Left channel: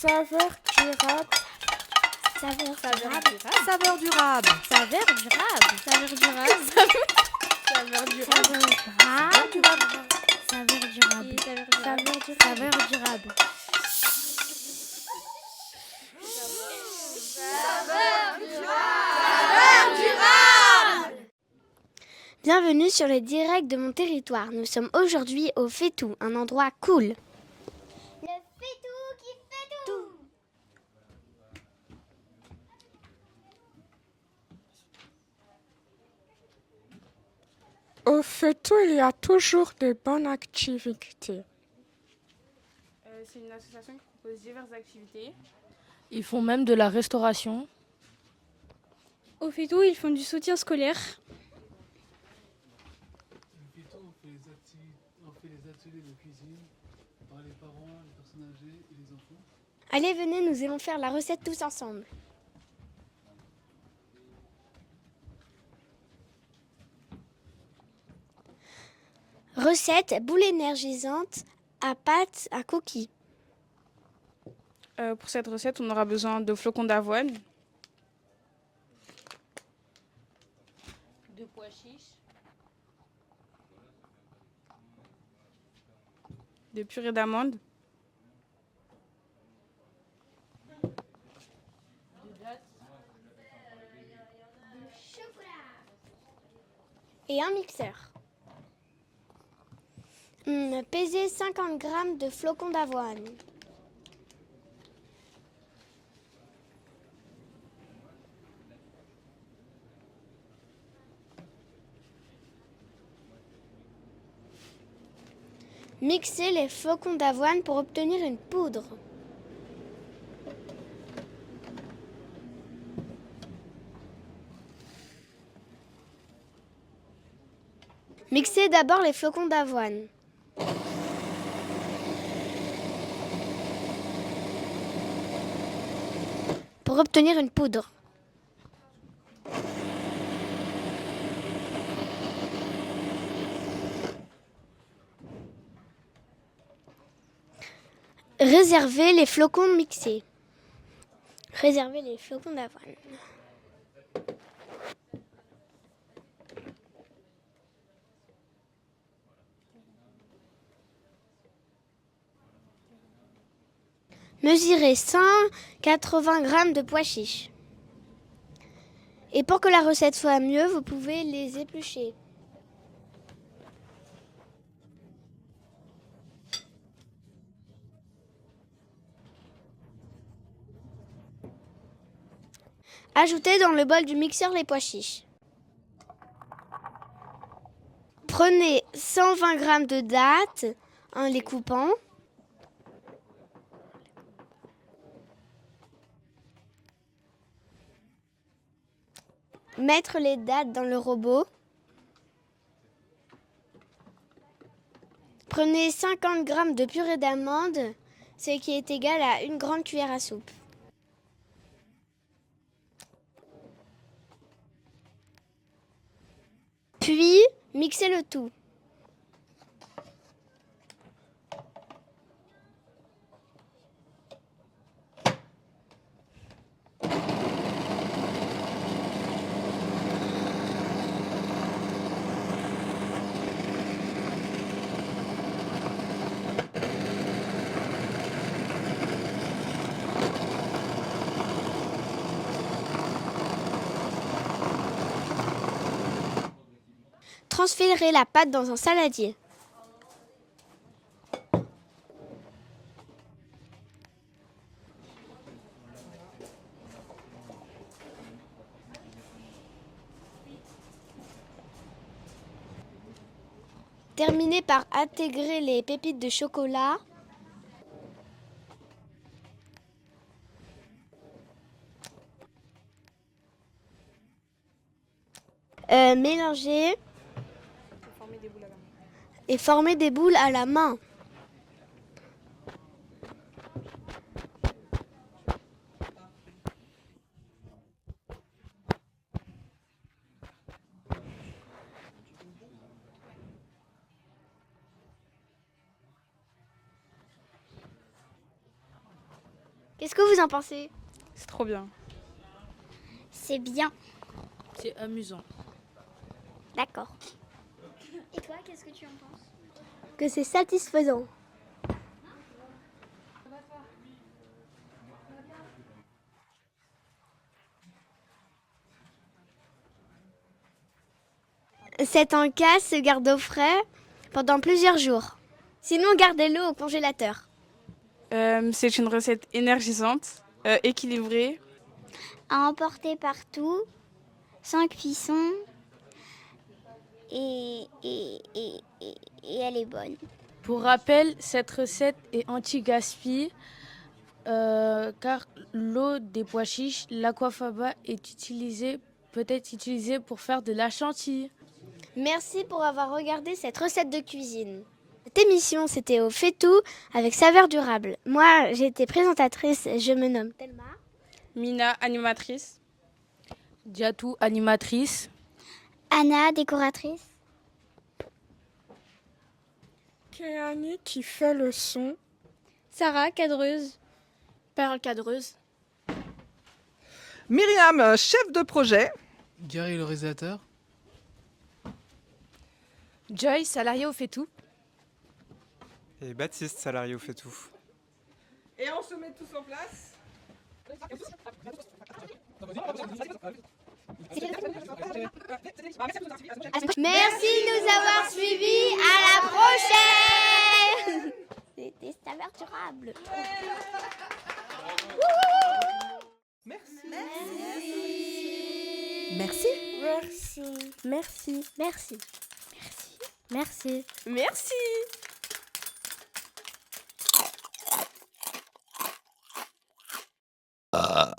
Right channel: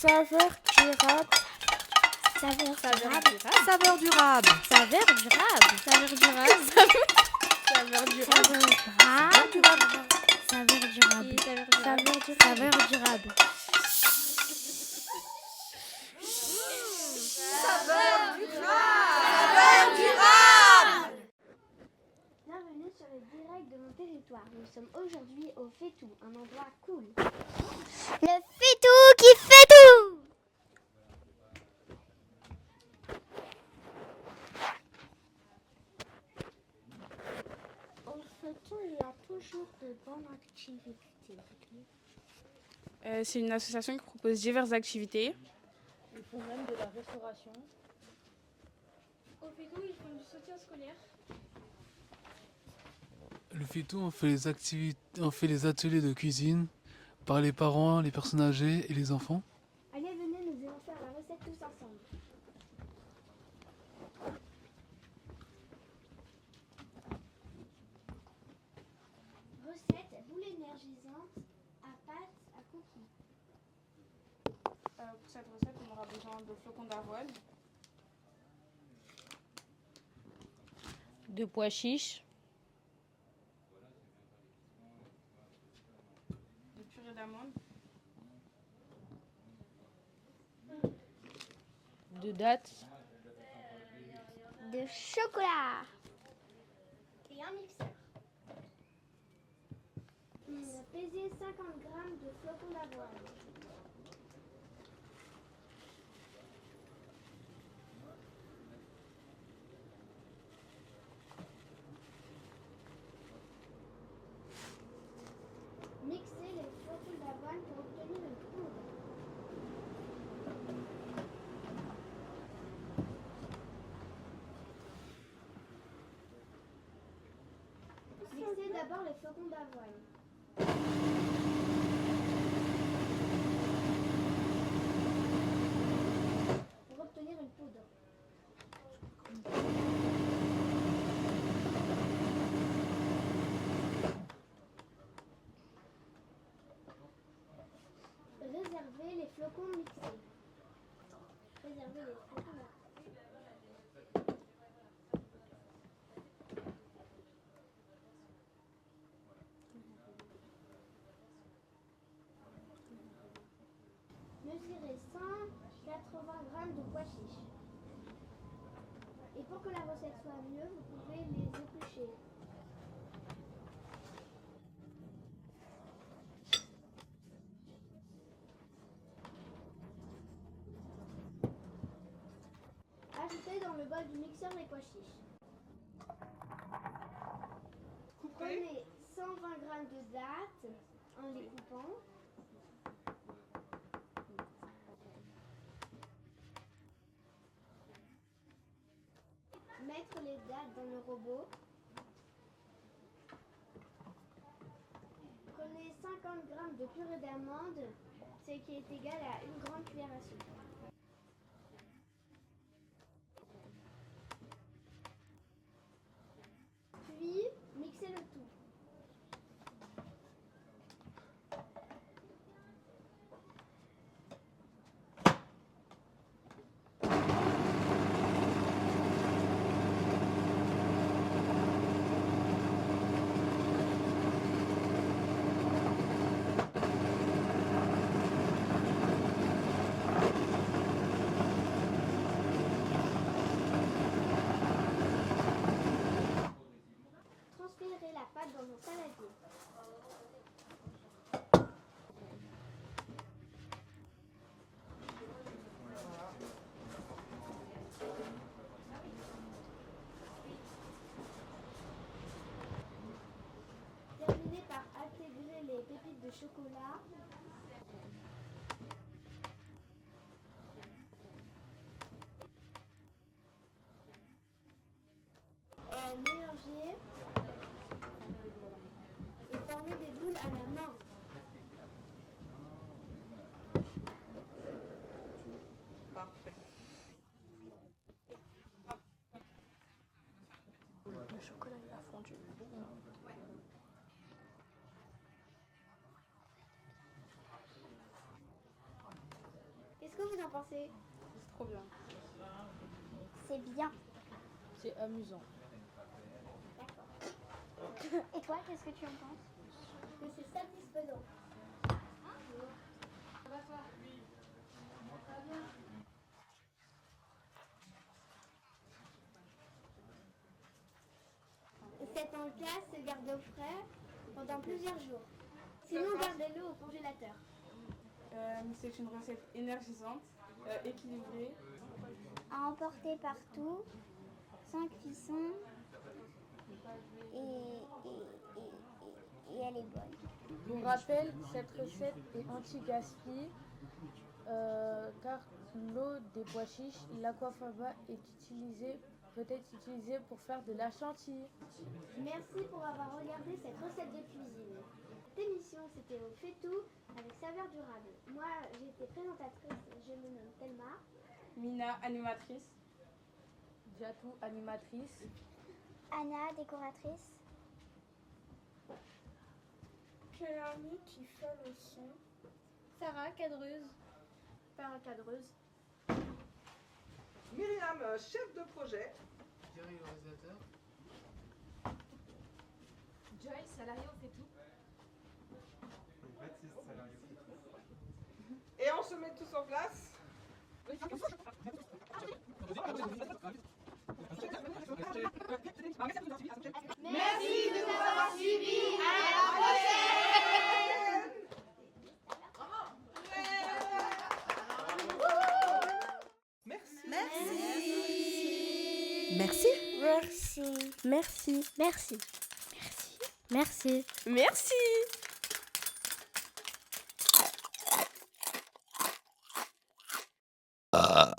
Saveur durable. Saveur Saveur durable. durable. Saveur durable. Saveur durable. Saveur durable. Saveur durable. Saveur durable. Saveur durable. Saveur durable. Bienvenue sur le direct de mon territoire. Nous sommes aujourd'hui au Fétou, un endroit cool. Le Fétou qui fait tout! Au Fétou, il y a toujours de bonnes activités. C'est une association qui propose diverses activités. Ils font même de la restauration. Au Fétou, ils font du soutien scolaire. Le Fétou, on fait les ateliers de cuisine par les parents, les personnes âgées et les enfants. Allez, venez, nous allons faire la recette tous ensemble. Recette boule énergisante à pâte à coquille. Pour cette recette, on aura besoin de flocons d'avoine, De pois chiches. de purée d'amandes, De dattes. De chocolat. Et un mixeur. Pesez 50 g de flocons d'avoine. Mixez les flocons d'avoine pour obtenir une poudre. Mixez d'abord les flocons d'avoine. Pour obtenir une poudre. Réservez les flocons mixés. Réservez les flocons d'avoine. Mesurez 180 g de pois chiches. Et pour que la recette soit mieux, vous pouvez les éplucher. Ajoutez dans le bol du mixeur les pois chiches. Prenez 120 g de dattes en les coupant. Mettre les dattes dans le robot. Prenez 50 g de purée d'amande, ce qui est égal à une grande cuillère à soupe. Puis, mixez le tout. Transférez la pâte dans un saladier. Terminez par intégrer les pépites de chocolat. Mélangez et formez des boules à la main. Qu'est-ce que vous en pensez? C'est trop bien. C'est bien. C'est amusant. D'accord. Et toi, qu'est-ce que tu en penses? Que c'est satisfaisant. Cette encasse se garde au frais pendant plusieurs jours. Sinon, gardez-le au congélateur. C'est une recette énergisante, équilibrée. À emporter partout, sans cuisson. Et elle est bonne. Pour rappel, cette recette est anti-gaspi car l'eau des pois chiches, l'aquafaba peut être utilisée pour faire de la chantilly. Merci pour avoir regardé cette recette de cuisine. Cette émission, c'était au Fait-Tout avec saveur durable. Moi, j'ai été présentatrice, je me nomme Thelma. Mina, animatrice. Diatou, animatrice. Anna, décoratrice. Kéani qui fait le son. Sarah, cadreuse. Parole cadreuse. Myriam, chef de projet. Gary, le réalisateur. Joy, salarié au Fait-Tout. Et Baptiste, salarié au Fait-Tout. Et on se met tous en place. Merci de nous avoir suivis. À la prochaine. C'était saveur durable. Merci. Merci. Merci. Merci. Merci. Merci. Ah.